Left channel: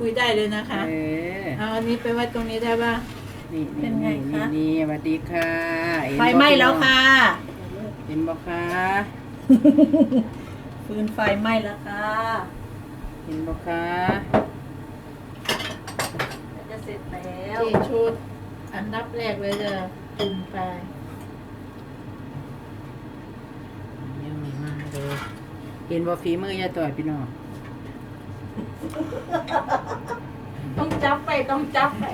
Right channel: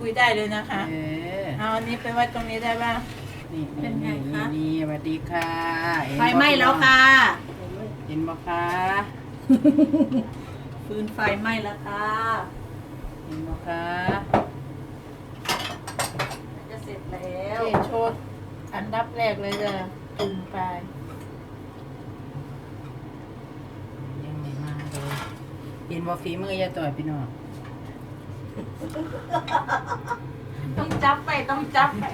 คุยได้เลยนะคะเออเอาอันนี้ไปไว้ตรงนี้ได้ป่ะนี่เป็นไงคะ นี่สวัสดีค่ะเห็นไฟบ่ไหม้แล้วค่ะเห็นบ่คะฟืนไฟไหม้แล้วค่ะเห็นบ่คะจะเสร็จแล้วเจโชดอันดับแรกเลยจะจุ่มไฟยังไม่มาเลยเห็นบ่ฝีมือยายต่อยพี่น้อง ต้องจับไปต้องจับไป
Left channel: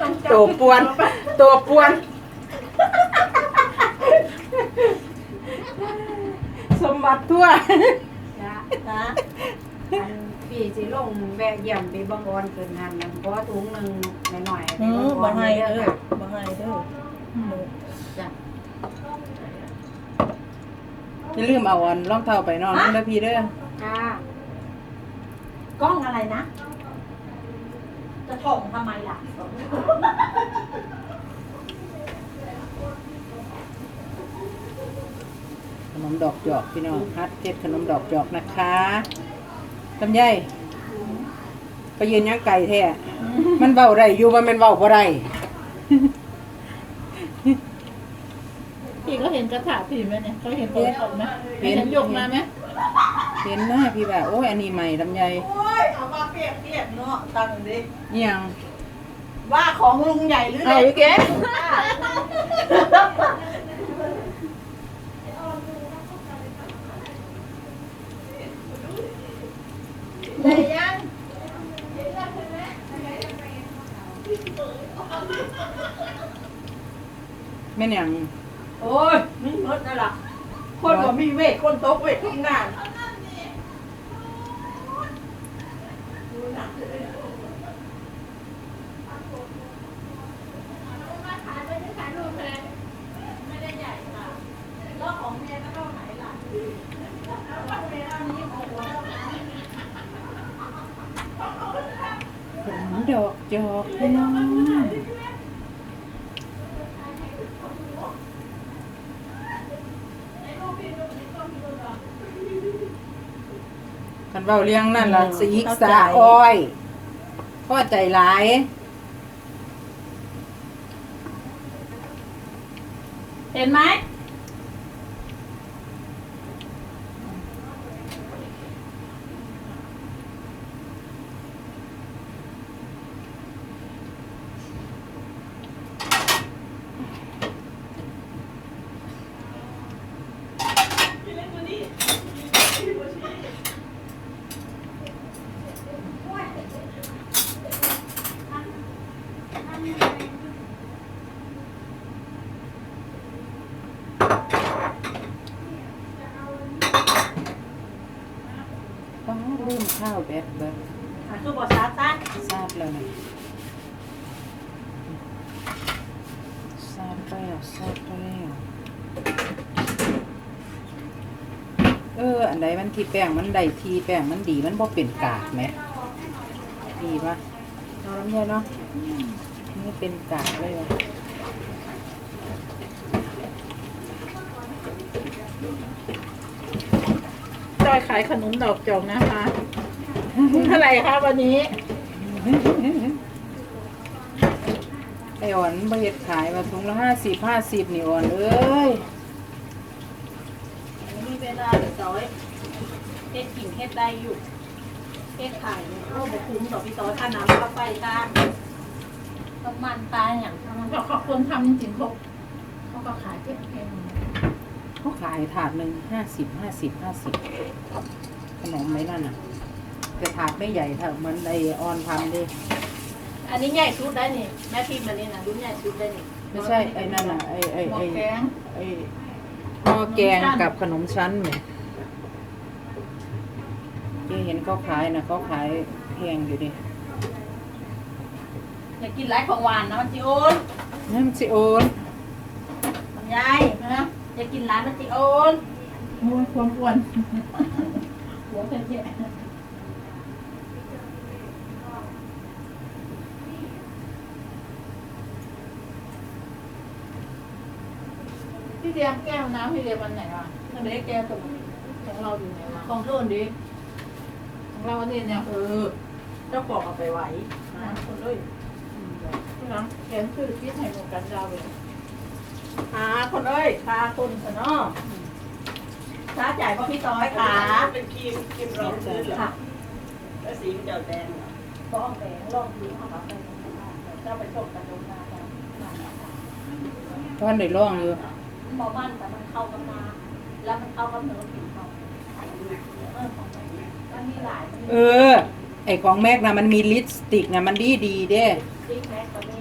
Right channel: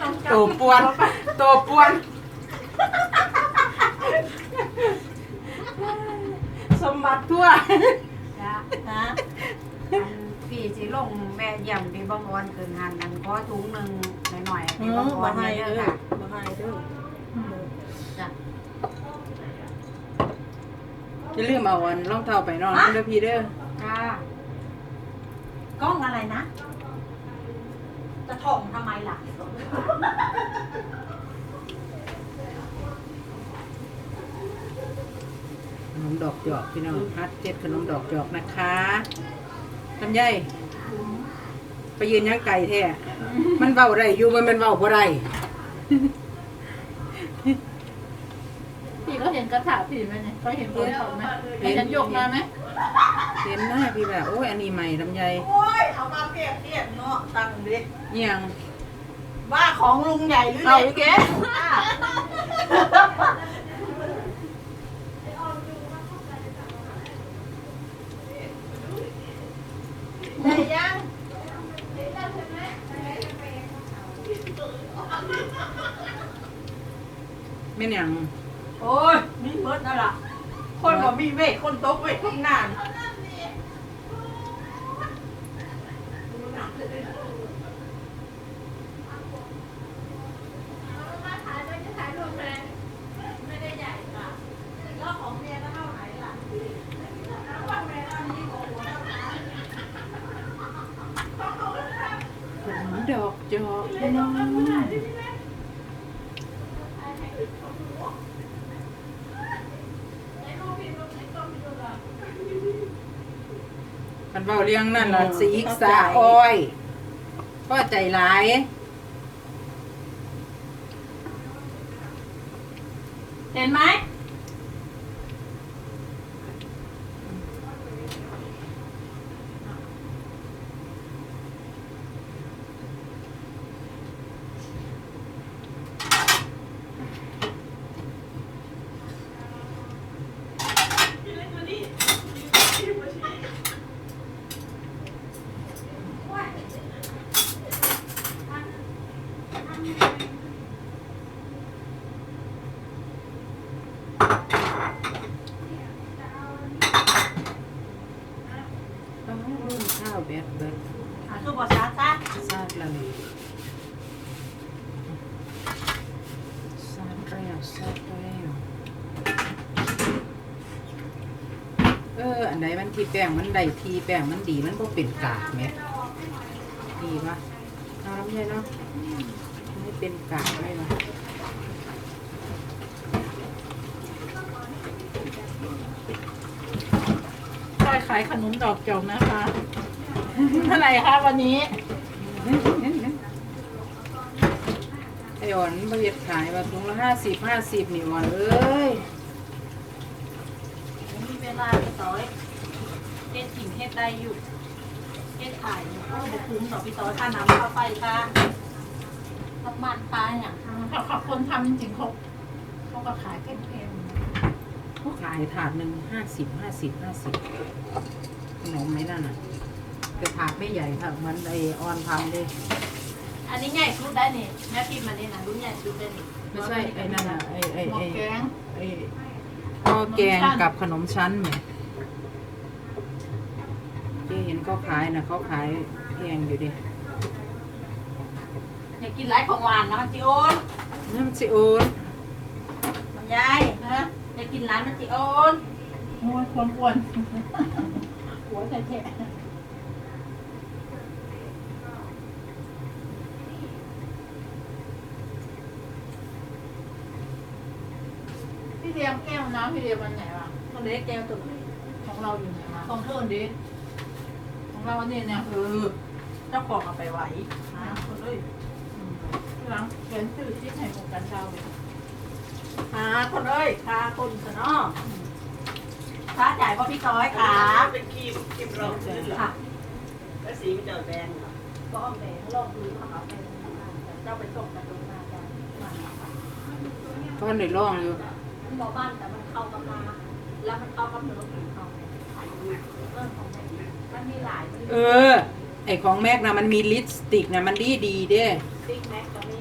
ต้องจับตัวปวนตัวปวน สมบัติทั่วจ้ะนะอันพี่สิลงแวะเยี่ยมไปเบังออนเกินหันนั่นก็ถุงหนึ่งหน่อยๆไปอืเบัมงอบ่อนให้เด้เด้ออค่ะบ่ให้เด้อเด้อจ้ะ อย่าลืมเอาอันรองเท้าไปนอนนั่นเด้อพี่เด้อจ้ากล้องอะไรนะ จะถ่องทำไมล่ะ ขนมดอกจอกพี่น้องฮัดเก็ดขนมดอกจอกนะคะลำไยไปยืนยังไก่แท้มันเบาไรอยู่ว่ามันเบาบ่ไร พี่ก็เห็นกระถางพี่ไหมเนี่ยเขาเห็นตัวตกไหมเห็นฉันยกมาไหมเห็นนะพี่แบบโอ้ยอันนี้ใหม่ลำไยโอ้ยเอามาเปรียบเทียบเนาะตั้งดิเอียงว่าของลุงใหญ่หรือเอาเล็อีกกแกได้ยังแม่นหยัง โอ้ยมีเมิดนั่นล่ะคนก็มีเวทคนตกเวททำงานขนมดอกจอกพี่น้อง เบาเลี้ยงนั่นล่ะสีกสาอ้อยพ่อใจหลายเห็นไหม ดเบิดอะคือบอสาตันซาดแล้วนะซาดแล้วซาดแล้วเออ อันใดมันทีแป้งมันใดทีแป้งมันดีมันบ่เป็นกากไหมดีปะเอาลำไยเนาะไม่เป็นกากเลยวะได้ขายขนมดอกจอกนะคะ เท่าไหร่คะวันนี้ไออ่อนบเฮ็ดขายว่าถุงละห้าสิบห้าสิบนี่อ่อนเอ้ยมีเวลาสอยเฮ็ดกิ่งเฮ็ดได้อยู่เฮ็ดขายโอ้บุคุ้มต่อพี่ซอยค่าน้ำค่าไฟค่าประมาณปลาอย่างเขาขอบคนทำจริงเขาเขาก็ขายเป็นแพงเขาขายถาดหนึ่งห้าสิบห้าสิบห้าสิบขนมไหมนั่นน่ะ แต่ถาดไม่ใหญ่เท่าเหมันไอออนทำดิอันนี้ใหญ่สุดได้นี่แม่พิมพ์มานี่นะรุ่นใหญ่สุดได้นี่ไม่ใช่ไอ้นั่นน่ะไอ้ไอ้หม้อไอ้แกงไอ้ข้าวแกงกับขนมชั้นไหมที่เห็นเขาขายนะเขาขายแพงอยู่ดิอยากกินไรของหวานนะมันจิโอนนั่นสิโอนมันยายนะอยากกินร้านมันจิโอนม้วนควรควรหัวแท้ ๆพี่เดียมแก้วน้ำพี่เดียมวันไหนอะทำไมได้แก้วตัวนี้ของเราอยู่เนี่ยของโทนดิของเราอันนี้เนี่ยเออเจ้าของเอาไปไว้หาคนเลยหลังเขียนชื่อที่ให้หมกันดาวเลยหาคนเลยหาคนเถอะเนาะค่าจ่ายพ่อพี่ต้อยค่ะเป็นครีมครีมรองพื้นเหรอค่ะแล้วสีมันจะแดงเหรอก็เอาแบงลงพื้นเอากลับไปลงมาเจ้าไปโชคกันลงมาเจ้ามันเอาไปเพราะได้ร่องอยู่ มันบอกมันแต่มันเข้ากับมา แล้วมันเข้ากับเนื้อผิวเขาเออของแบงมันมีหลายเออ ไอของแม็กนะมันมีลิปสติกนะมันดีดีๆเด้ซิกแม็กก็มี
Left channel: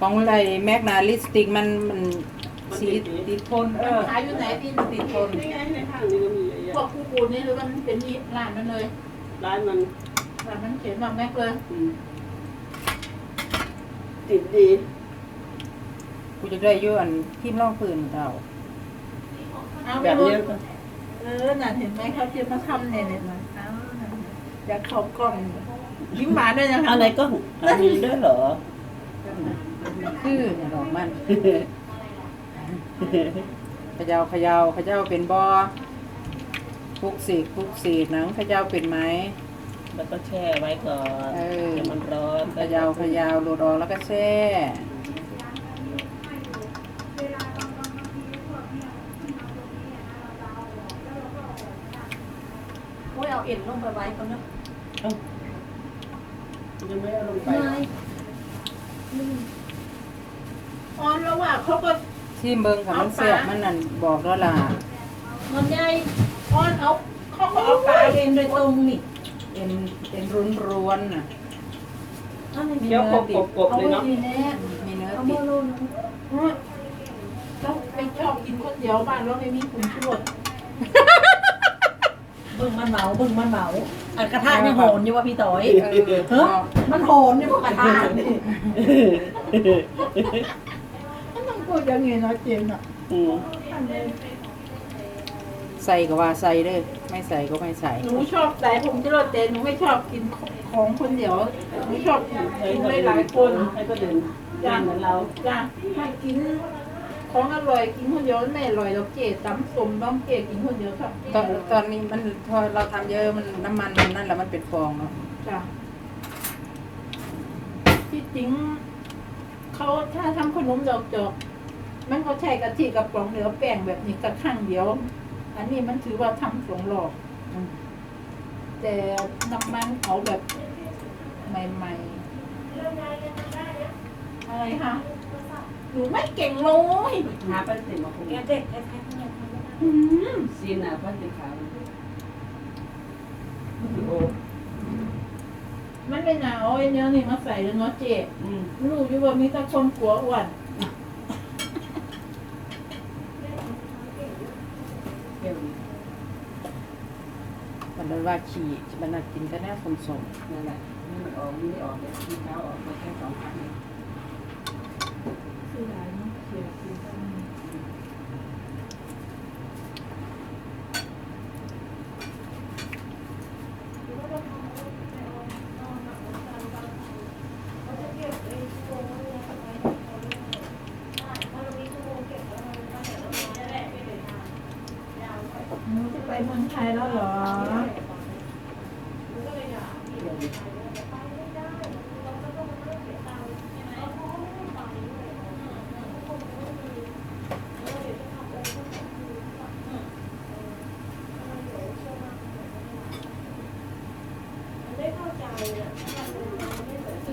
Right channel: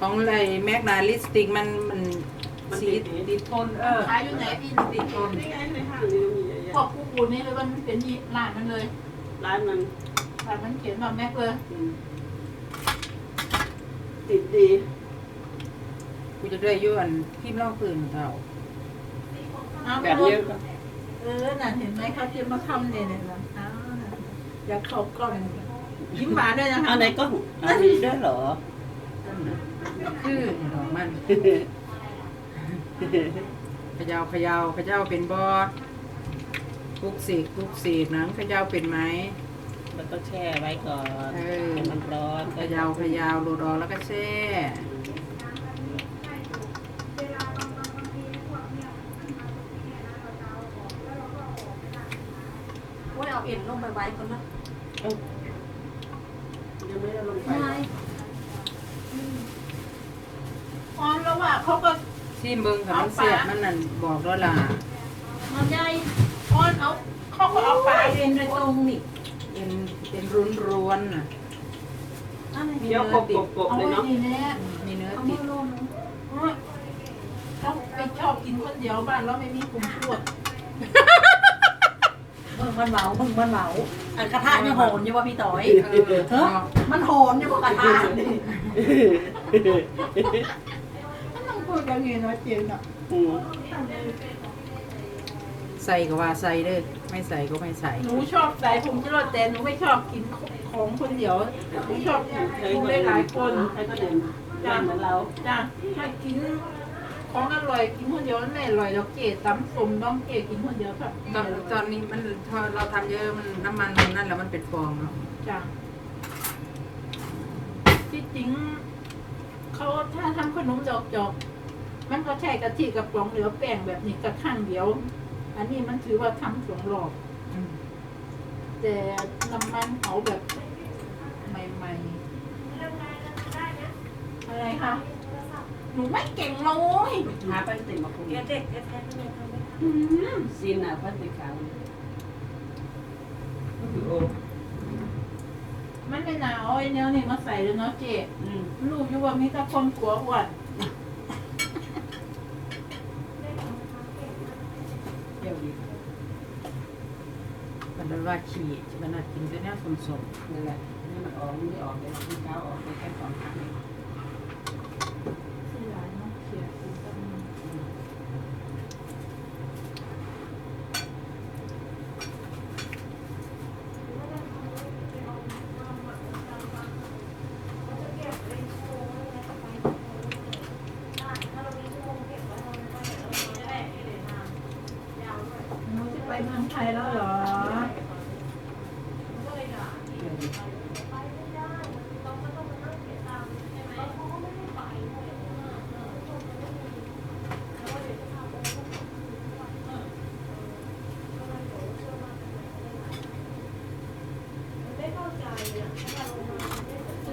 ของไรแม็กนะลิปสติกมันมันสีติดทนเออ ขายอยู่ไหนที่ติดทนนี่ไงในห้างนี่ก็มีเยอะพแยะวกกูปูนี่หรือมันเป็นนี่ลายมันเลยร้านมันลายมันเขียนมาแม็กเลยอืมติดดี กูจะได้อย้อนพิมพ์ร่องปืนเราเอาแบบนี้เออน่ะเห็นไหมเขาจะมาทำเนี่ยเนี่ยนะอ้าวอยากเข้ากล้องยิ้มหวานด้วยนะคะอะไรก็อันนี้ด้วยเหรอ คือเนี่ยดอกมันเขยาวขยาวขยาวเป็นบอปลุกเสกปลุกเสกหนังขยาวเป็นไหม แล้วก็แช่ไว้ก่อนเออ ให้มันร้อนเขยาวขยาวโหลดออกแล้วก็แช่ ไปไว้คนนะยังไม่เอาลงไปไม่ออนแล้วว่าเขาก็ซิมเบิงค่ะมันเสียบมันนั่นบอกแล้วล่ะมันใหญ่ออนเอาเขาก็เอาปลาเองโดยตรงนี่เอ็นเอ็นรุนรวนๆน่ะเอาไม่เคี้ยวกบกบๆเอาเลยไว้เนาะดีแน่มีเนื้อเอาติมาดโลนเราไปชอบกินคนเดียวบ้านเราไม่มีกลุ่มชวด มึงมันเหมามึงมันเหมาอันกระทะยังโหนอยู่ว่าพี่ต้อยเออเฮ้ยมันโหนอยู่ว่ากระทะนี่มันต้องพูดอย่างนี้เนาะเจนอะอืมใส่ก็ว่าใส่เด้อไม่ใส่ก็ไม่ใส่ หนูชอบแต่ผมจะรดแต่หนูไม่ชอบกินของคนเดียวหนูชอบกินให้ของคนหลายๆคนให้คนอื่นย่างเหมือนเราจ้ะให้กิน ของอร่อยกินคนเดียวไม่อร่อยเราเกตตำส้มน้องเกตกินคนเดียวครับตอนตอนนี้มันพอเราทำเยอะมันน้ำมันมันนั่นแหละมันเป็นฟองเนาะจ้ะที่จริงเขาถ้าทำขนมดอกจอกมันก็ใช้กะทิกับปองเหลือแป้งแบบนี้กระข้างเดียว อันนี้มันถือว่าทำสองรอบอืมแต่น้ำมันเอาแบบใหม่ๆอะไรคะ หนูไม่เก่งเลยหาพลาสติกมาคุมแกเด็กแท้ๆเนี่ยอืมซีนหาพลาสติกขาวโอ้มันไม่น่าเอาไอ้เนี้ยนี่มาใส่เลยเนาะเจ๊อืมลูกอยู่ว่ามีแต่คนกลัวอ้วนเดี๋ยวนี้มันเลยว่าขี่มันน่ากินก็น่าสมสมนั่นแหละนี่มันออกมันไม่ออกเลยที่เท้าออกไปแค่สองครั้งเอง ที่ไหนเนาะเขียนสีดำ หนูจะไปเมืองไทยแล้วเหรอ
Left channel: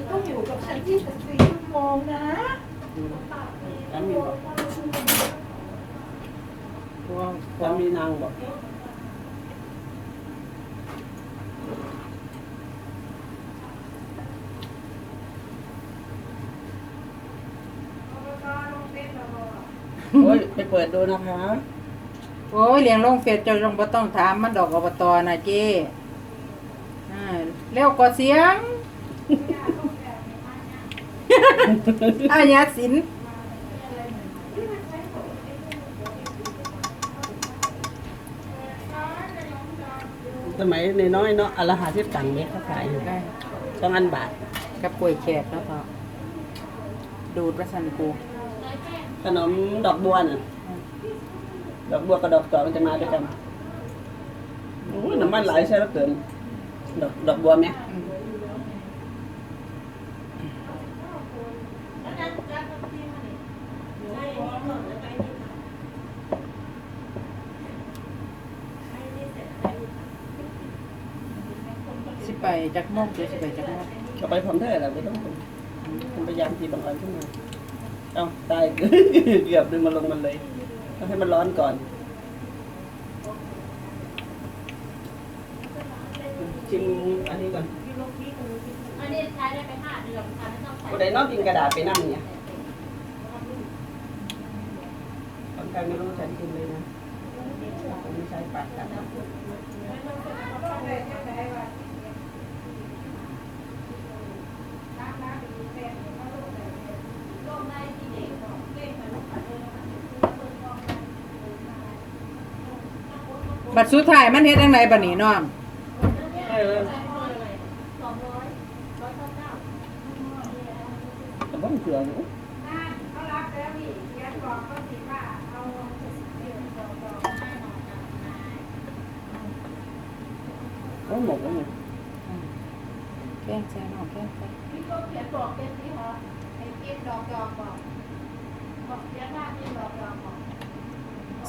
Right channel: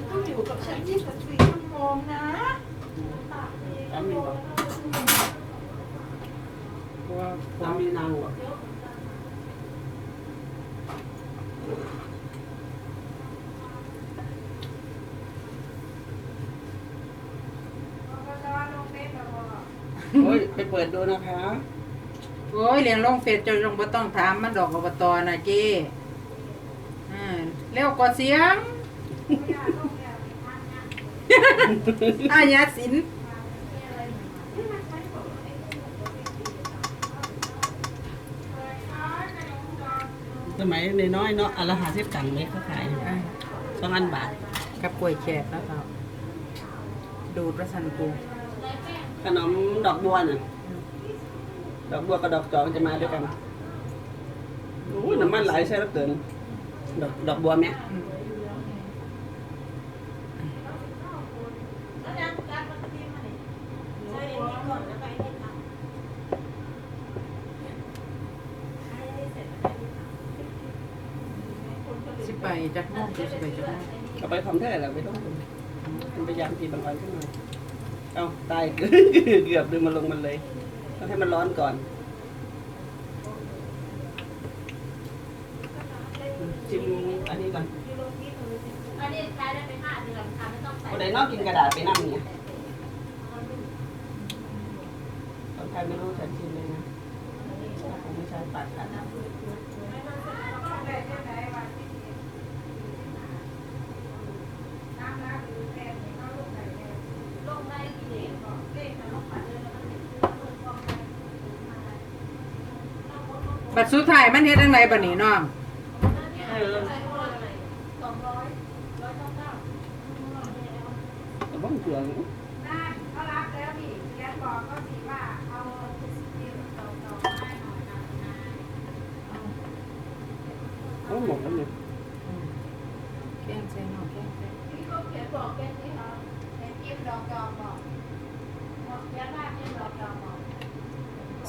ต้องอยู่กับฉัน24ชั่วโมงนะ สามีบอก เพราะว่า สามีนางบอก โอ้ยไปเปิดดูนะคะ โอ้ยเลี้ยงลงเฟซเจะลงบ่ต้องถามมันดอกอบตนะเจ้อ่าแล้วก็เสียง อาญาสิน มัยน้อยๆเนาะอนละหาสิบกันเนี้ยเขาขายอยู่สองอันบาทกับกล้วยแขกนะพ่อดูดประสันกูขนมดอกบัวน่ะดอกบัวกับดอกจอกมันจะมาด้วยกันอโอ้ยน้ำมันหลายใช่แล้วเกินดอกดอกบัวไหม อืม จักโมงหรือสิไปจักโมงก็ไปพร้อมแท้แหละไม่ต้องเป็นพยายามทีบางอันขึ้นมาเอาตายเกือบดึงมันลงมันเลยต้องให้มันร้อนก่อนชิมอันนี้ก่อนอันนี้ใช้ได้ไปห้าเดือนค่ะไม่ต้องใส่คนใดนอกกินกระดาษไปนั่งเนี่ยบางใครไม่รู้ฉันกินเลยนะผมไม่ใช้ปัดกัน บัด สุดท้ายมันเฮ็ดจังไดบัดนี้น้องเออสองร้อยร้อยเก้าเก้าแต่บ้องเกลืออยู่เขารับแล้วพี่เดี๋ยวบอกเขาสิว่าเอาเขาหมกแล้วเนี่ยแก้แซ่น้องแกล้งแซ่พี่ก็เขียนบอกเป็นนี่ค่ะเป็นเก็บดอกยองบอกบอกเขียนหน้าเก็บดอกยองบอก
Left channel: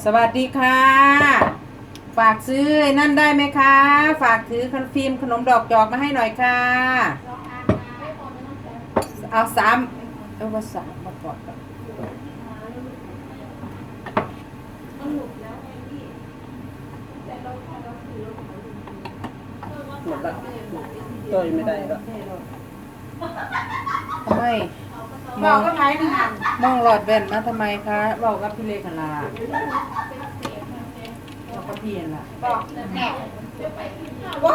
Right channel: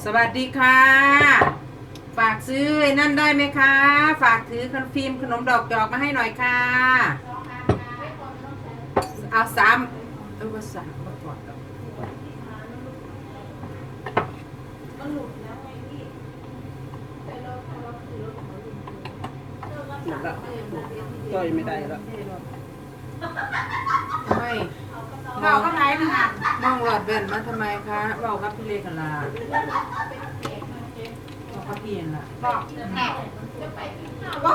สวัสดีค่ะ ฝากซื้อนั่นได้ไหมคะ ฝากถือขนมฟิล์มขนมดอกจอกมาให้หน่อยค่ะลองอ่านนะเอาสามเอาว่าสามมาก่อนหลุดแล้วต่อยไม่ได้แล้วทำไมมองก็ไหนมันหันมองหลอดแว่นมาทำไมคะบอกกับพี่เล็กกันละ กกับพี่นั่นล่ะบอกแน่ว่า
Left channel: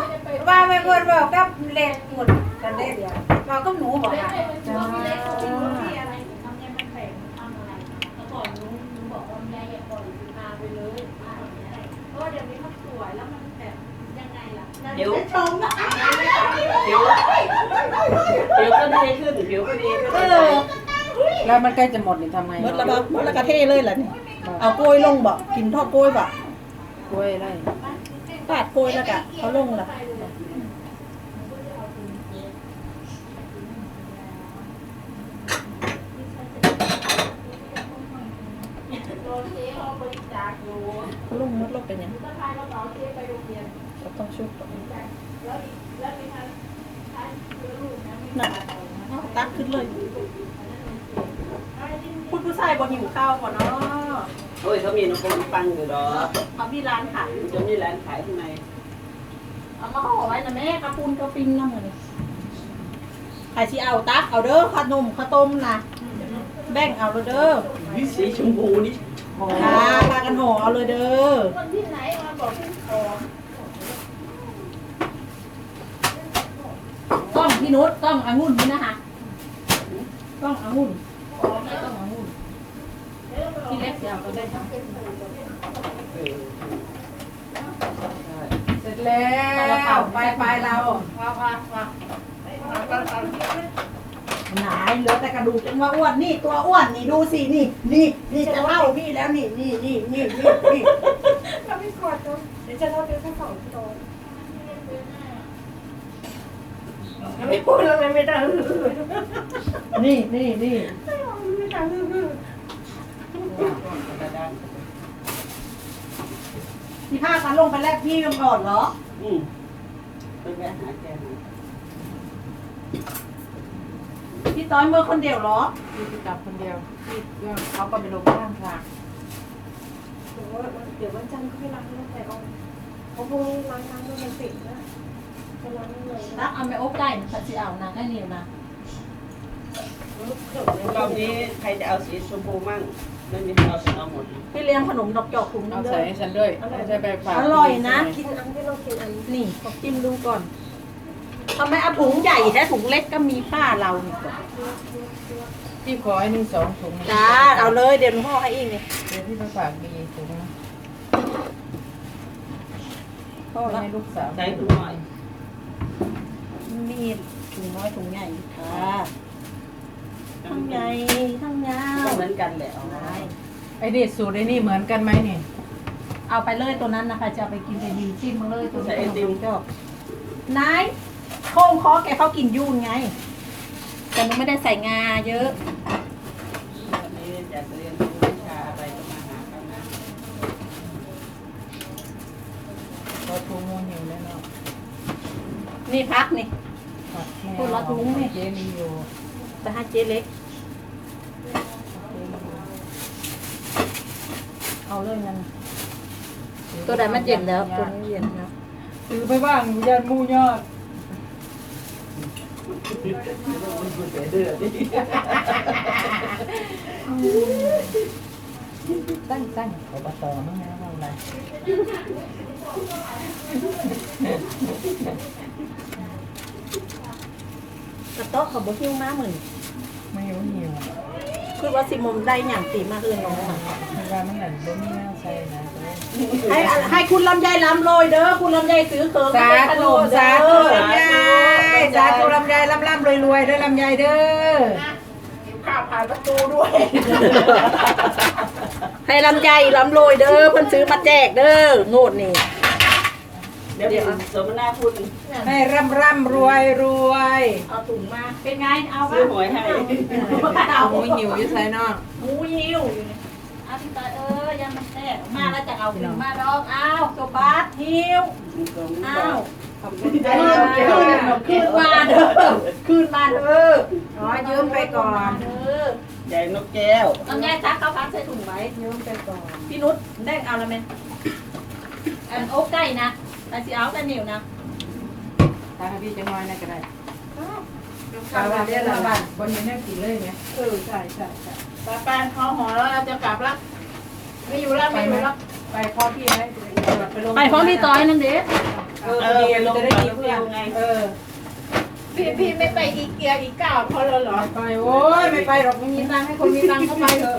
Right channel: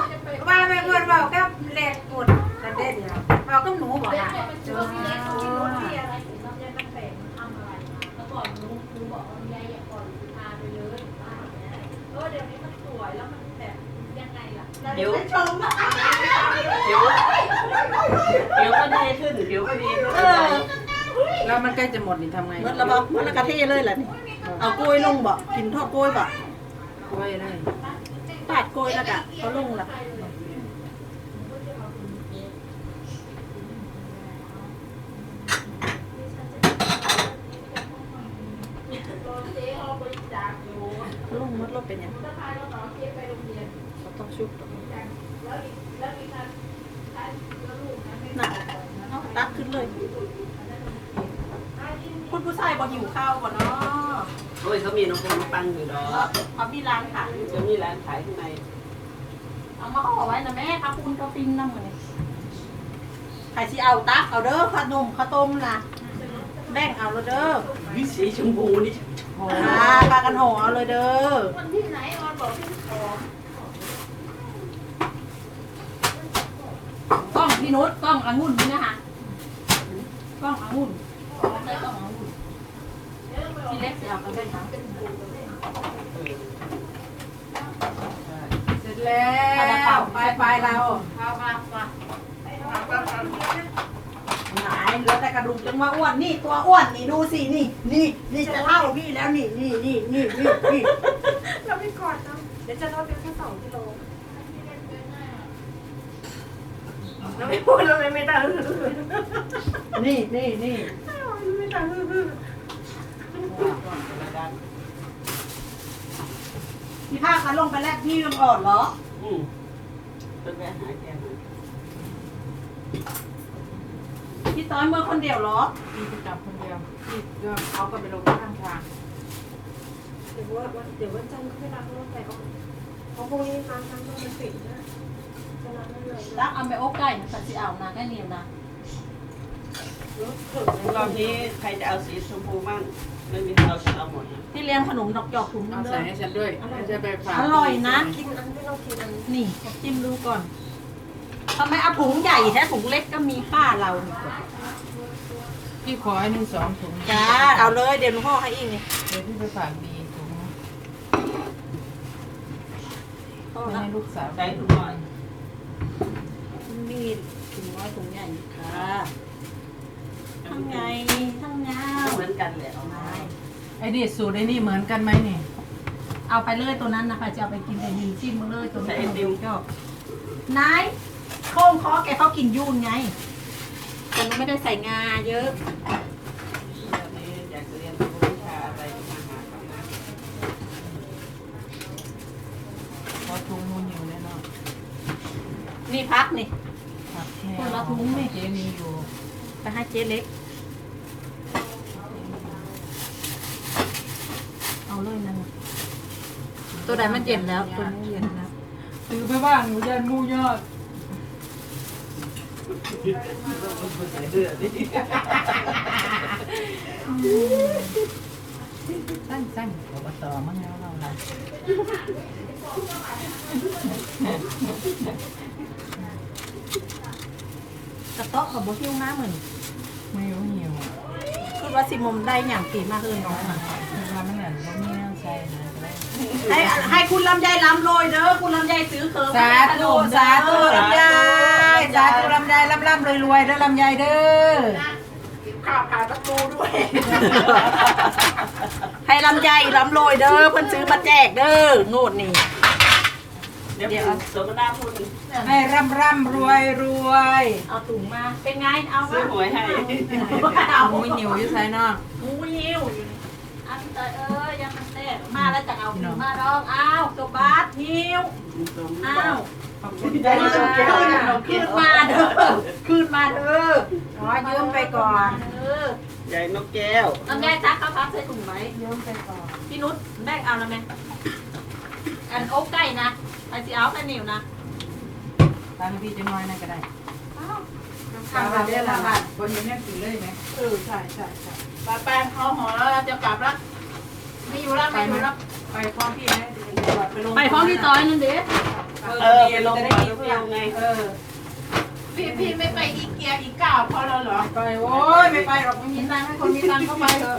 ว่าไม่ควรบอกกับเล็กหมดกันได้เดียวบอกกับหนูบอกค่ะจ้าพี่เล็กเขาไม่รู้ที่อะไรถึงทำยังมันแข็งทำอะไรมาแล้วก่อนหนูหนูบอกว่าแม่อย่าปล่อยพาไปเลยว่าอย่างนี้เพราะว่าเดี๋ยวนี้มันสวยแล้วมันแบบยังไงล่ะเราจะไปชมอะผิวผิวก็ดีขึ้นผิวก็ดีขึ้นเออแล้วมันใกล้จะหมดนี่ทำไงเมื่อระบอกเมื่อระกระเทเลยแหละนี่เอากล้วยลงบ่กินทอดกล้วยบ่ก กล้วยได้ปาดกล้วยแล้วก็เขาลงแล้ว โดนเจ๊เอาบริจาคอยู่ เอาลงมดเราเป็นยัง ถ้าพาเราเอาเจ๊ไปโรงเรียน เราต้องชุบ แล้วอีกแล้วอีกทางใช้เชื้อลูกนะไม่ น่ะเอาตักขึ้นเลยคุณผู้ชายบ่หิวข้าวก่อนเนาะโอ้ยเขามีน้องคน ปังอยู่ดอกเขามีร้านขายจะมีร้านขายข้างในเอามาห่อไว้นะแม่ค่ะคุณกระปิงน้ำมันใครที่เอาตักเอาเด้อขนมข้าวต้มนะแบ่งเอาเลยเด้อวิสีชมพูนี่พาพากันห่อเอาเลยเด้อคนที่ไหนออนบอกขึ้นคอกล้องพี่นุชกล้ององุ่นนี่นะคะกล้ององุ่นของใครต้องของหุ่นที่เล็กเสียงก็ได้นะ เสร็จแล้วไปไปเราเอาค่ะมาหายเหลือแต่กระดูกจังว่าอ้วนนี่ตัวอ้วนนี่ดูสินี่นี่นี่จะเล่าพี่แล้วนี่นี่นี่นี่นี่นี่เราไม่กอดกันเดี๋ยวจะลดเดือแค่สองกิโลเราไม่พูดเราเลยไม่ได้นี่นี่นี่ไม่ได้ฮือ ที่พากันลงไปแลกพี่กันก่อนเหรอ อืมมันแวะหาแกมาพี่ต้อยเมื่อคนเดียวเหรอ พี่จะจับคนเดียวพี่ก็เอาก็ไปลงข้างทางเดี๋ยวว่าเดี๋ยววันจันทร์ก็ไปล้างรถไปออกเพราะพรุ่งนี้ล้างน้ำมันปิดนะจะล้างยังไงรักเอาไปอบได้นะสัตว์ที่เอานะแค่นี้นะรอบนี้ใครจะเอาสีชมพูมั่ง ไม่มีเราจะเอาหมดนะพี่เลี้ยงขนมดอกจอกถุงนึเอางเด้ใส่อให้ฉันด้วยไม่ใช่ไปฝากอร่อยนะ กินอันที่เรากินอันนี่ขอจิ้มดูก่อนทำไมเอาถุงใหญ่แท้ถุงเล็กก็มีป้าเรานี่ก่อนพี่ขอไอ้นี่สองถุงจ้าเอาเลยเดี๋ยวหลวงพ่อให้เองเลยเดี๋ยวพี่ไปฝากบีถุงไปให้ลูกสาวใช้ถุงหน่อยมีถุงน้อยถุงใหญ่ค่ะ ทั้งใหญ่ทั้งยาวเหมือนกันแหละเอามาได้ไอ้นี่สูตรไอ้นี่เหมือนกันไหมเนี่ยเอาเอาไปเลยตัวนั้นนะคะจะเอาไปกินแต่ดีชิมมาเลยตัวนี้ขนมจีนก็นายโค้งคอแกเขากินยุ่นไง แต่หนูไม่ได้ใส่งาเยอะอยากเรียนรู้วิชาอะไรก็มาหาเขานะว่าทุ่งมูลอยู่เลยเนาะนี่พักนี่ครับคนละถุงนี่เจ๊มีอยู่ ไปให้เจ๊เล็ก เอาเลยนั่นน่ะตัวใดมันเย็นแล้ว ตัวนี้เย็นแล้ว ซื้อไปบ้างหนูยันมูยอดตั้งตั้งอบตมั้งนะเราอะไรกระโต๊ะเขาบอกหิ้วมากเหมือน ไม่รู้หิวคือว่าสิมมได้อย่างตีมากเลยน้องอะคือว่ามันเหมือนบ่มีหน้าใส่นะให้ให้คุณลำไยล้ำโรยเด้อคุณลำไยซื้อเคิร์สาขนธุมสาธุเด้อลำไยสาธุลำไยลำลำรวยรวยๆเด้อลำไยเด้อข้าวผ่านประตูด้วย ให้ลำไยล้ำโรยเด้อเพิ่นซื้อมาแจกเด้อโงดนี่ เดี๋ยวเดี๋ยวสมนาคุณให้ร่ำร่ำรวยรวยเอาถุงมา เป็นไง เอาซื้อหวยให้เอาหมูหิวอยุ่ใส่เนาะหมูหิวอยู่นี่เอาพี่ตาเอ้ยยังมันแซ่บมาแล้วจะเอาถุงมาดองเอากระบาดหิวอ้าวขอบคุณคืนคืนมาเด้อคืนมาเด้ออ๋อยืมไปก่อนเด้อใหญ่นกแก้วลำไยซักเขาพักใส่ถุงไว้ยืมไปก่อนพี่นุชแบ่งเอาแล้วไหมอันโอ๊กไก่นะ อันสีเอาแต่เหนียวนะตาพี่จะน้อยนั่นก็ได้ตาวันเดียวละบาทบนนี้แน่กินเลยไหมเออใช่ใช่ใช่ตาแป้งเขาหอแล้วเราจะกลับละไม่อยู่แล้วไม่อยู่แล้วไปพร้อมพี่ไหมไปลงไปพร้อมพี่ต้อยนึงเด้เออเดี๋ยวลงไปกินเพื่อนไงเออพี่พี่ไม่ไปอีเกียอีกเก้าเพราะเราเหรอไปโอ้ยไม่ไปหรอกไม่มีตังค์ให้คนมีตังค์เข้าไปเถอะ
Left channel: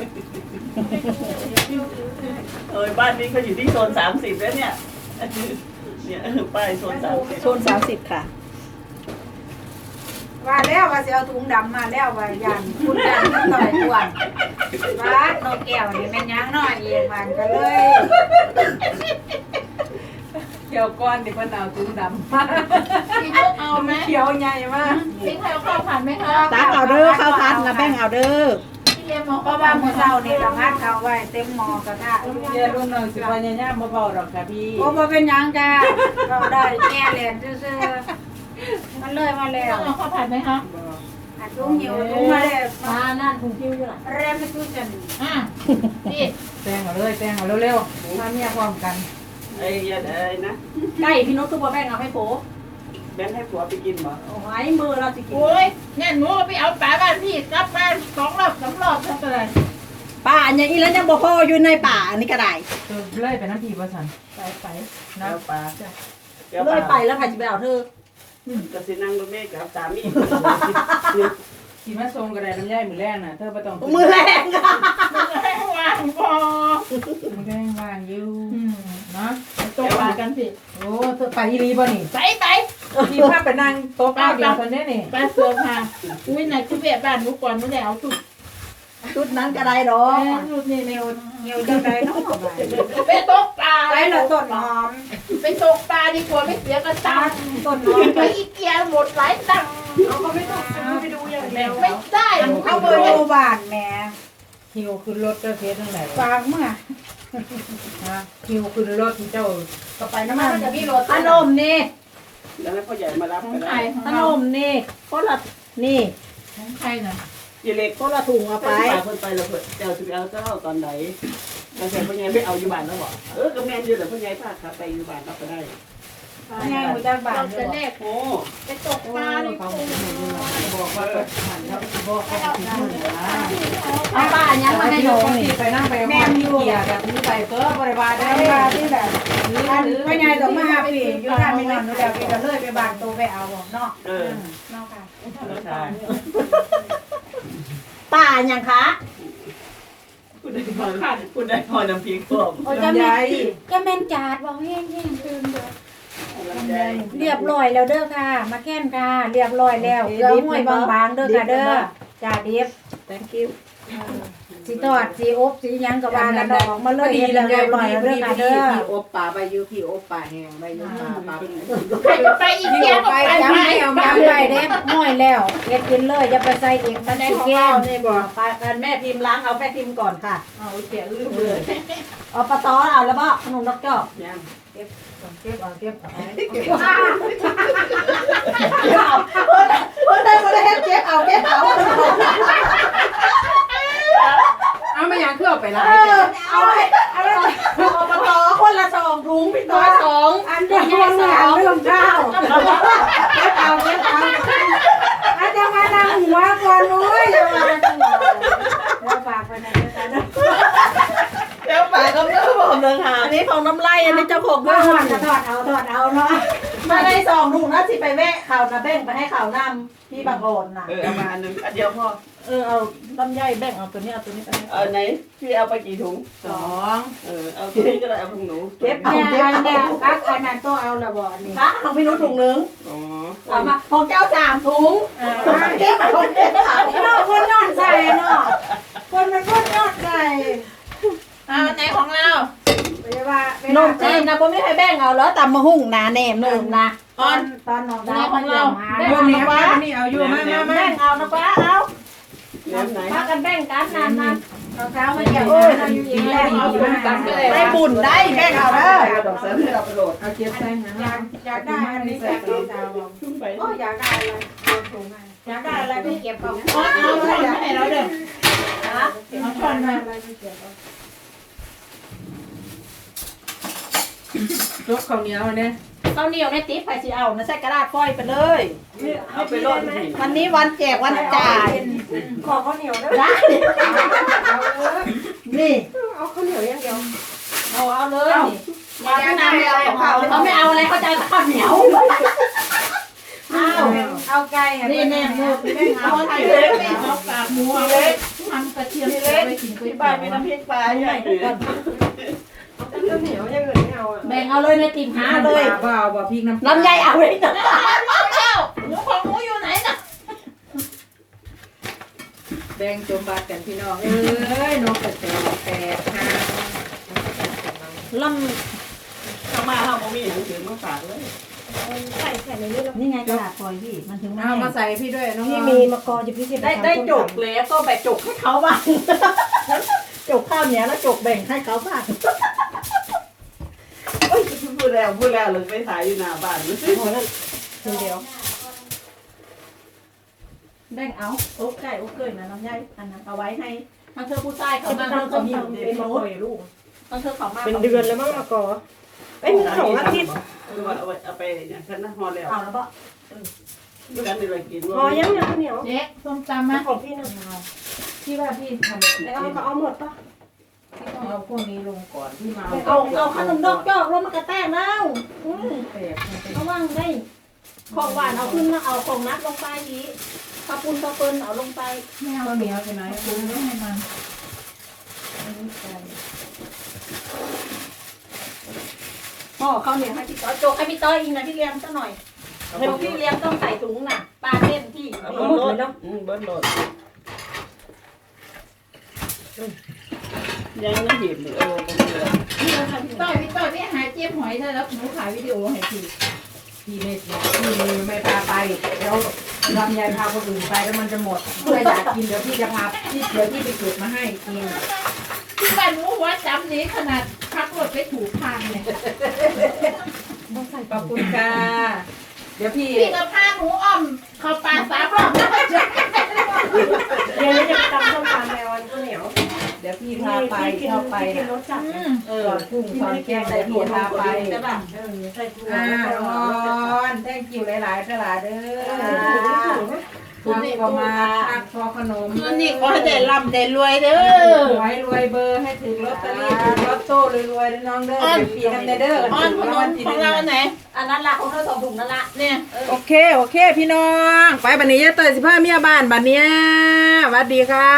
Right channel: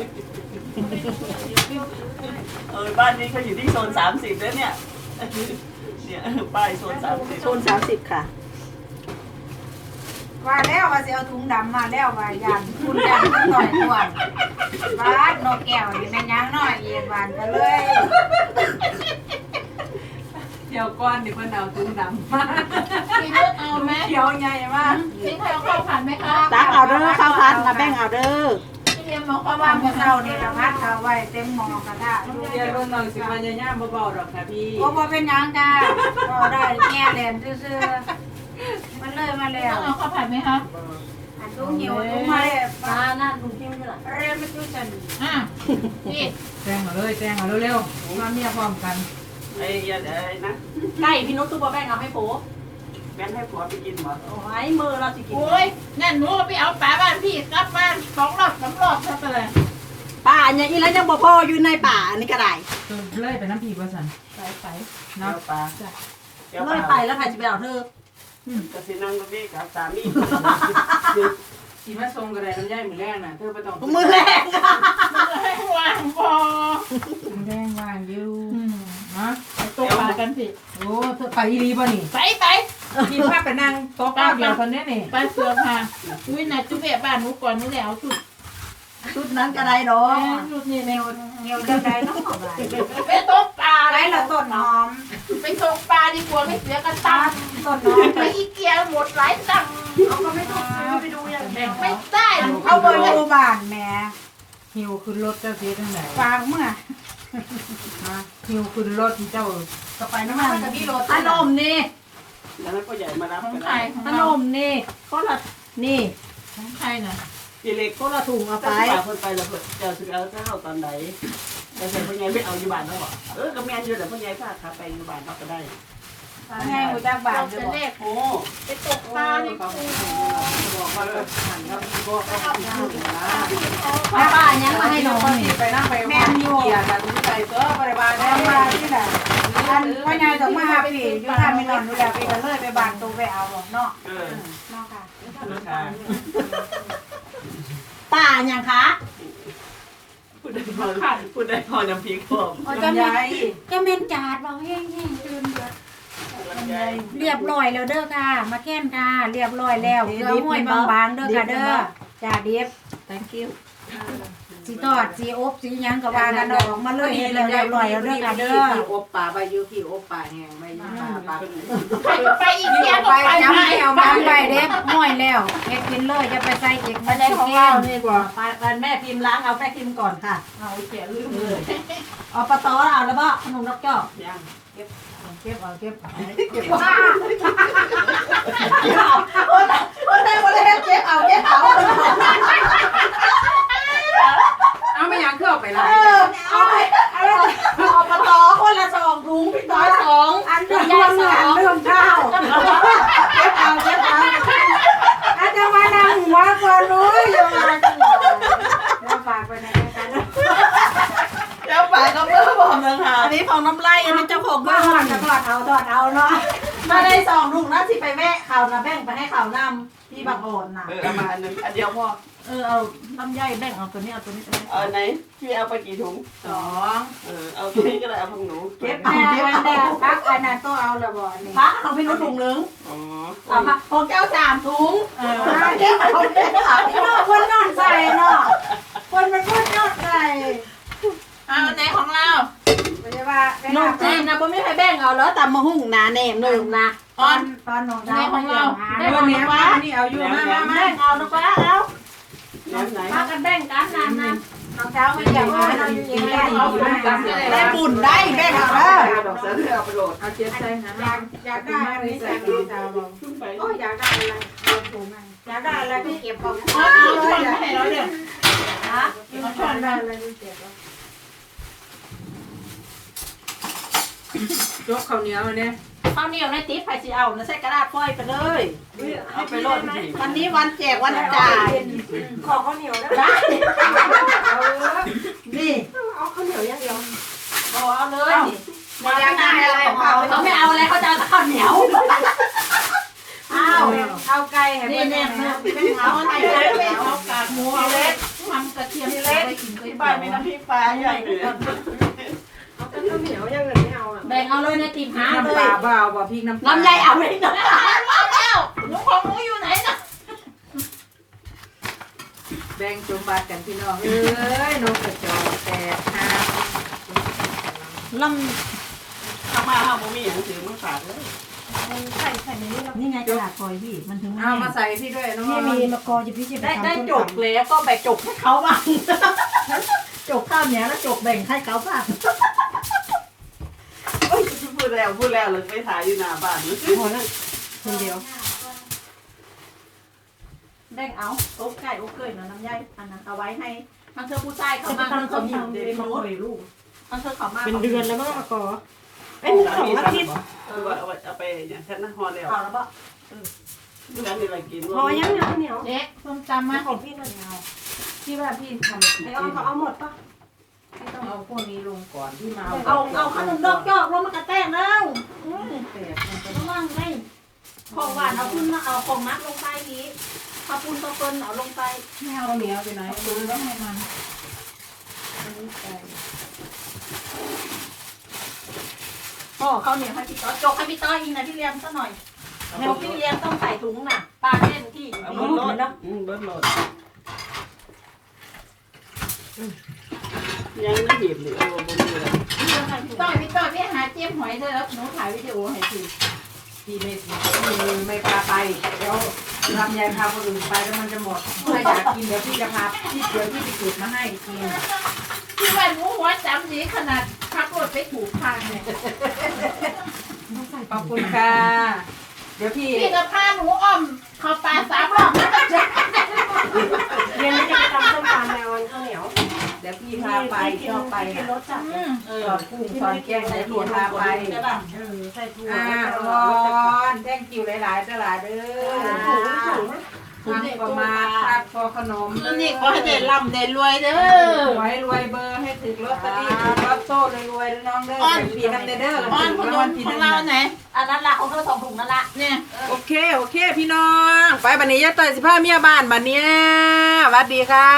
เออบ้านนี้เขาอยู่ที่โซนสามสิบแล้วเนี่ย เนี่ยป้ายโซนสามสิบโซนสามสิบค่ะ ว่าแล้วว่าจะเอาถุงดำมาแล้วว่ายันคุณยันมันต่อยกวนบ้านนกแก้วนี่แม่นยังน้อยเย็นมันก็เลยเดี๋ยวก้อนเดี๋ยวคนเอาตุ้งดำมาพี่นุชเอาไหมเขียวใหญ่มากทิ้งให้เอาข้าวผัดไหมคะตักเอาเด้อข้าวพันละแบ่งเอาเด้อ มอาเข้าราะวผัว่าเมื่อเช้านี่ก็พัดเขาไว้เต็มงอกระทะเดี๋ยรุ่นน้องสิวันย่าๆเบาหรอกค่ะพี่โอ้บ่เป็นหยังจ้าเราได้แก้แหลนซื่อๆมันเลยมาแล้วเอาข้าวผัดไหมคะอันถุงหิวถุงมาแล้วมานั่นถุงคิ้วด้วยล่ะเรียนไปจุจันอะพี่แซงเอาเลยแซงเอาเร็วๆตอนนี้พร้อมกันไอ้ยันอะไรนะไก่พี่นุชซุปเปอร์แบ่งเอาให้โป๊ แบนให้ผัวไปกินเหรอโอ้ยมือเราสิกินโอ้ยงั้นหนูไปเอาปลาบ้านพี่กลับไปสองรอบสามรอบทำไปเลยป่าอย่างนี้แล้วยังบ่พออยู่ในป่าอันนี้ก็ได้เออเลื่อยไปน้ำผีประสันไปไปนะเจ้าปลาเลยไปแล้วใครจะไปเอาเธอกสินังก็ไม่กับสามีขี่มาทรงกระไดน้ำย่อยมือแรงน่ะเธอไปต้องมือแรงอะให้วางพอมือแรงวางอยู่นะตกปลากันพี่โอ้เธอไปอีรีบ่นี่ไปไป พี่พาไปนั่งโต๊ะข้าวเดียวคนนี้นี่ไปเสือค่ะอุ้ยน่ะจุกแกะบ้านหนูก่อนหนูแล้วสุดชุดนั้นก็ได้ดอแม่กสุดนี่แนวหิวจังไดเนาะไปไปตกปลาไปแล้วต้นหอม ไปตกปลาดีกว่าไม่เสียกระตังต้นหอมไปอีเกียหมดหลายตังค์เขาก็ไม่ต้องซื้อไปดูอย่างเดียวไม่ได้เอาไปดูบ้านแหม่หิวขึ้นรถเจ้าเคสทั้งไหนฟางเมื่อฮะหิวขึ้นรถที่เจ้าก็ไปน้ำมันจะมีรถขนมนี่ แล้วให้พ่อใหญ่มารับขอไปงใครแล้วของขนเรามนี่คนละนี่ของใครน่ะพี่เล็กคนละถุงเอาไป ไปเพิ่นไปแล้วเพิ่นเจ้าสิเอาเจ้าตอนไหนแล้วเสร็จพ่อใหญ่ไปเอาอยู่บ้านแล้วเหรอเออก็แม่นอยู่แต่พ่อใหญ่พาขาไปอยู่บ้านเราก็ได้ ไงกูจะบ้านเราจะจะบอกเลขโอ้ไปตกปลาดีกว่าบอกว่าหันเขาบอกเขาถึงอยู่นะเอาป้ายังมาให้หนูที่ไปนั่งไปแม่อยู่เกียร์แบบนี้ใส่ตัวบริบาลได้ทำว่าบ้านที่ไหนอันพ่อใหญ่ต้องมาหาพี่อยู่ทางไม่นอนหนูอยากไปกันเลยไปบ้านตัวไปเอาหรอกเนาะเออเนาะค่ะราคาป้ายังคะพูดได้พอพูดได้พอน้ำพริกพวกโอ้จะแม่จะแม่นจาดบอกแห้งๆคืนเดือ เรียบร้อยแล้วเด้อค่ะ มาแค่นค่ะ เรียบร้อยแล้วเกลือห้วยบางๆเด้อค่ะเด้อจ่าดิบ thank you สีทอดสีอบสีหยังกับวางกันดอกมาเลยเรียบร้อยเรื่องกันเด้อพี่อบป่าใบยูพี่อบป่าแห้งใบยูป่าปลาใครก็ไปอีกพี่เที่ยอวบไปจำไม่เอามาไว้เด้ห้อยแล้วเก็บกินเลยจะไปใส่อีกภายในของเรานี่บอกไปแม่พิมพ์ล้างเอาแม่พิมพ์ก่อนค่ะเอาเสียลืมเออ เอาปลาตอเอาแล้วบ่ขนมดอกจอกยังเก็บเอาเก็บเอาเก็บเก็บเอาคนใดคนใดเก็บเอาเก็บเอาเอาไม่ยังเครื่องไปเอร้านอเอาไปเอาเอาปลาตอคนละสองถุงพี่ต้อยสองอันใหญ่สองเรื่องข้าวเก็บเอาเก็บเอาอาจจะมาดังหัวก่อนนู้ยอย่ามาเราฝากไปไหนกันนะ เจ้าป่าก็เมื่อบอกเมืองหาอันนี้ของน้ำไล่อันนี้เจ้าของบ้านมันก็ทอดเอาทอดเอาเนาะมาได้สองถุงนะสิไปแวะข่าวนะแบ่งไปให้ข่าวนำพี่บางโอนน่ะเออเอามาอันหนึงอันเดียวพอเออเอาลำไยแบ่งเอาตัวนี้เอาตัวนี้ไปให้เอาอันไหนพี่เอาไปกี่ถุงสองเออเอาตัวนี้ก็ได้เอาของหนูเก็บเอาแม่เก็บอันเอาแม่พักอันนั้นตัวเอาละบ่นี่พักเอาพี่นุ้ถุงนึงอ๋อเอามาของแก้วสามถุงเออเก็บเอาเก็บเอาเนาะคนนอนใส่เนาะคนเป็นคนนอนใส่เอาไหนของเรา ไม่ได้ว่าหนุ่มจีนนะผมไม่ให้แบ่งเอาแล้วตำมะฮุ่งนาแหนมหนุ่มนะตอนตอนน้องดาวมาเยี่ยมหาเรื่องนี้ว่านี่เอาอยู่มามามาแบ่งเอานะป้าเอาเดี๋ยวไหนพักกันแบ่งกันนานนานน้องดาวมาเยี่ยมหาเราอยู่เองแล้วเอาบุญกันเลยได้บุญได้แบ่งเอาแล้วเอาดอกเสือที่เอาไปโหลดเอาเจ็ดใส่หาอยากอยากได้อันนี้ใส่น้องดาวบอกชุ่มไปโอ้ยอยากได้อะไรเอาถุงมาอยากได้อะไรไปเก็บเอาเอาเอาช้อนมาให้เราเดี๋ยวฮะเอาช้อนมาอะไรไปเก็บเอา ยกข้าวเหนียวเนี่ยข้าวเหนียวในติ๊บไปสิเอานะใส่กระดาษก้อยไปเลยเอาไปโหลดสิวันนี้วันแจกวันจ่ายขอข้าวเหนียวได้ได้นี่เอาข้าวเหนียวอย่างเดียวเอาเอาเลยนี่มาไม่นานอะไรของเขาเขาไม่เอาอะไรเขาจะเอาแต่ข้าวเหนียวเอาเอาไก่นี่แน่เนื้อพี่เอาเอาไข่ให้เล็เลกยเอากากหมูเอาเล็กทำกระเทียมเล็กไปกินก๋วยที่เตี๋บ้านยวมีน้ำพริกปลาใหญ่เลยเอา ข้าวเหนียวอย่างอื่นไม่เอาอะแบ่งเอาเลยในติ่มหาน้ำเลปยลาเปล่าบ่พริกน้ำลำไยเอาเลยนะหมูของหมูอยู่ไหนนะแบ่งจมบาดกันพี่น้องเอ้ยนกกระจอกแก่ค่ะลเข้ามาเอาบ่มีหนังสือมาฝากเลยใส่ใส่ในนี้เราำนี่ไงกระดาษฟอยล์พี่มันถึงไม่เอามาใส่พี่ด้วยน้องพี่มีมะกอจะพี่จะได้ได้จกแล้วก็แบ่งจกให้เขาบ้างจกข้าวเหนียวแล้วจกแบ่งให้เขาบ้างโอ้ยพูด แล้วพูดแล้วเลยไปถ่ายอยู่หน้าบ้านนะคนเดียว แบ่งเอาโอ๊กไก่โอ๊กเกยนะน้ำใยอันนั้นเอาไว้ให้ทางเธอผู้ชายเขามาเธอเขาหิวเด็กเขาเลยลูกทางเธอเขามาเป็นเดือนแล้วมั้งมะกอเอ้ยสองอาทิตย์เออว่าเอาไปเอาไปเนี่ยฉันน่ะฮอแล้วเอาแล้วปะเมื่อนั้นที่เรากินพอยังเนี่ยข้าวเหนียวเด็กส้มจำมาของพี่นะที่ว่าพี่ทำไม่เอาเขาเอาหมดปะ ต้องเอาพวกนี้ลงก่อนที่มาเอาเอาขนมดอกจอกลงมากระแตกแล้วอืมแตกระวังได้ของหวานเอาขึ้นมาเอาของนัดลงไปอีกข้าวปุ้นข้าวเปิ้ลเอาลงไปไม่เอาเหนียวไปไหนดูต้องให้มันโอ้ข้าวเหนียวให้พี่ต้อยจกให้พี่ต้อยอีกนะพี่เลี้ยงซะหน่อยเดี๋ยวพี่เลี้ยงต้องใส่ถุงน่ะปลาเล่นที่เอาเบิร์ดโหลดอืมเบิร์ดโหลด ยังไม่หีบหรือโอ้ไม่มีเลยพี่ต้อยพี่ต้อยพี่หาเจี๊ยบหอยเธอแล้วหนูถ่ายวิดีโอให้ทีพี่ไม่พี่ไม่พาไปเดี๋ยวลำไยพาคนอื่นไปแล้วมันจะหมดถ้าอยากกินเดี๋ยวพี่จะพาพี่เดี๋ยวพี่ไปเก็บมาให้กินพี่ว่าหนูหัวจำดีขนาดขับรถไปถูกทางเลยขอบคุณค่ะเดี๋ยวพี่พี่ก็พาหนูอ้อมเข้าป่าสามรอบเดี๋ยวนี้จะตำส้มตำไปเอาข้าวเหนียว ดี๋ยวพี่พาไปชอบไปนะรสจัดเออกุ้งตอนแกงใส่ถั่พี่วพาไปจะแบบเออใส่ถั่วอ่าร้อนแท่งกิ้วหลายๆหลายเด้อคุณนี่ก็มาทักพอขนมคืนนี้ก็ให้ได้ร่ำได้รวยเด้อใหวยรวยเบอร์ให้ถึงลอตเตอรี่ถึงลอตโต้รวยๆน้องเด้อพี่น้ำเด้ออ้อนขนมของเราไหนอันนั้นละของเธอสองถุงนั่นละเนี่ยโอเคโอเคพี่น้อง ไปบันนี้ยะเตยสิผ้าเมียบ้านบันเนี้ยสวัสดีค่ะ